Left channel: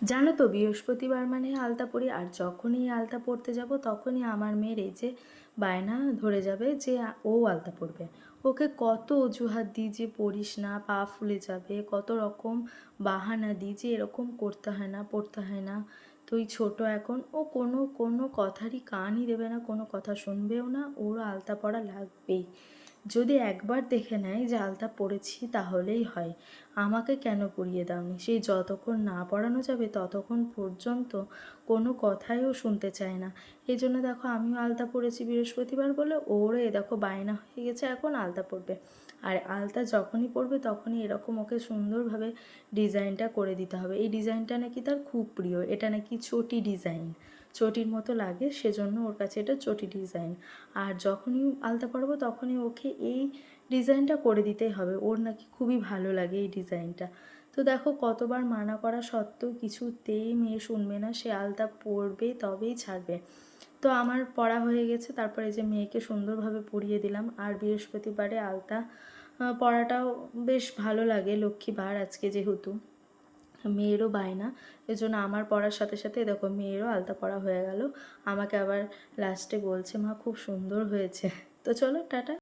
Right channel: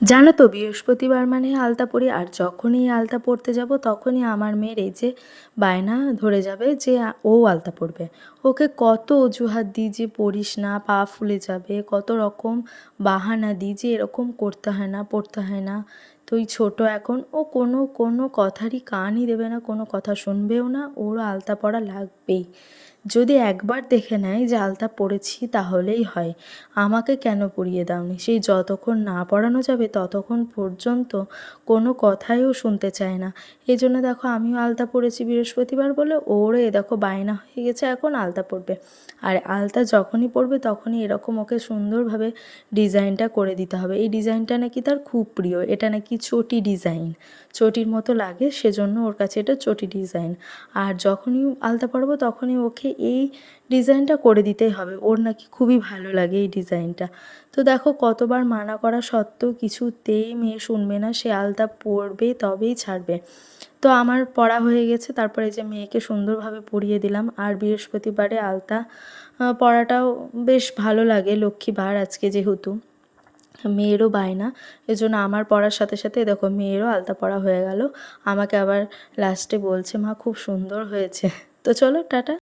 জানো তো বৃহস্পতিবার মানে আলতা পরি, আর যখনই আলতা পরতে যাব তখনই আমার মেয়ের এই যে বায়না ধরে যাবে যে ও আলতা পরবে। ওকে কত অজুহাত দিই যে পরিস না, পা ফুলে যাবে, কত রকম বাহানা দিই যে এরকম করতে হয় না, পড়তে হয় না। তুই ছোট এখন, ও কোনো কোনো কথারই কানই দেবে না, কোনো কথা শুনবেও না, ওর আলতা পরা লাগবেই। যদি একবার দেখে নেয় যে আলতা পরেছি তাহলেই হয়। আমাকে কেন পরিয়ে দাওনি, সেই যতক্ষণ না পড়ানো যাবে ততক্ষণ পর্যন্ত কোনো কথাই ও শুনতে চায় না। এই জন্য দেখো আমিও আলতা পরেছি বৃহস্পতিবার বলে, ওরে দেখো বায়না হয়ে গেছে এখন আলতা পরবে। আর আলতা যখনই পরবে তখনই এরকম ওকে সুন্দরভাবে ডিজাইনটা করে দিতে হবে। এই ডিজাইনটা নাকি তার খুব প্রিয়, এটা নাকি চটি ডিজাইন, চটির মতো লাগে, সেজন্য ওর কাছে এটা চটি ডিজাইন। আর যখনই আলতা পরাবো তখনই ওকে এই ডিজাইনটা করে দিতেই হবে, ওর নাকি খুবই ভালো লাগে এই ডিজাইনটা। তো দেখো কতবার মানা করা সত্ত্বেও কিছুতেই মেয়ে শুনবে না, সে আলতা পরবে তবেই ছাড়বে। তো আমার পড়া হয়ে গেছে, তারপরে যে মেয়েকে সুন্দরভাবে পরিয়ে দিলাম। আর বৃহস্পতিবারে আলতা পরাটাও বেশ ভালো লাগে, লক্ষ্মীবার আজকে যেহেতু, মেয়েরও বায়না, এজন্য আমার পড়ার সাথে সাথে দেখো মেয়েরও আলতা পরা হয়ে গেল। আমাকে আবার লাস্টে বলছে মা খুব সুন্দর হয়েছে। তো চলো টাটা।